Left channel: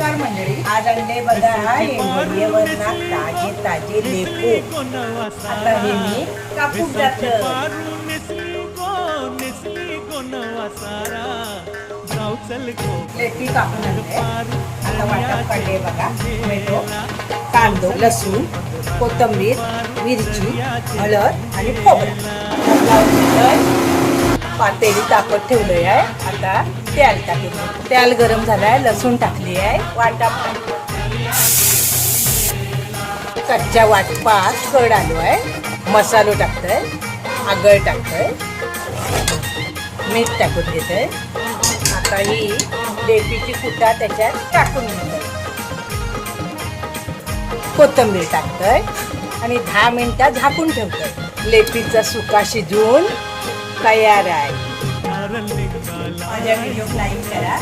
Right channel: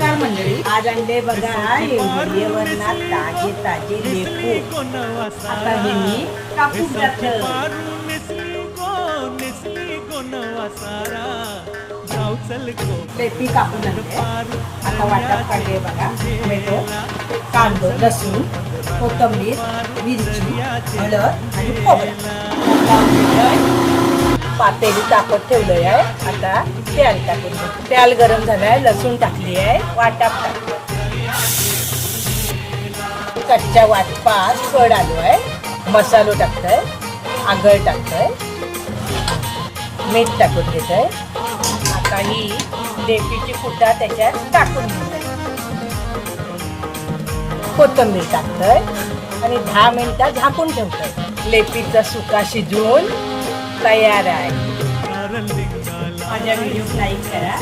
नमस्कार मंडळी. आज आणले बघा हिरवणात ताजे ताजे लेपू. आता हे मी कापून टाकलं. लेपी कापून आणले. आता वाटप काढले बघा. टोमॅटो, कांदा, लसूण, कोथिंबीर, मिरची, हळद आणि खोबरं. पातेली तापत ठेवलंय आहे. आता तेल टाकून तेल गरम झालंय. लसूण टाकली आहे. वाटप कच्च्या वाटपात कड आलो आहे. मसालो टाकतोय, आगळ टाकतोय, मीठ टाकून घेतोय. आता ही लेपीची कुटा त्याच्यात टाकून घेतोय. कोथिंबीर टाकतोय आणि 10 मिनिटं झाकून ठेवतोय. लेपीचा सुका शिजवून तयार आहे. माझ्या व्हिडिओ लाईक करा.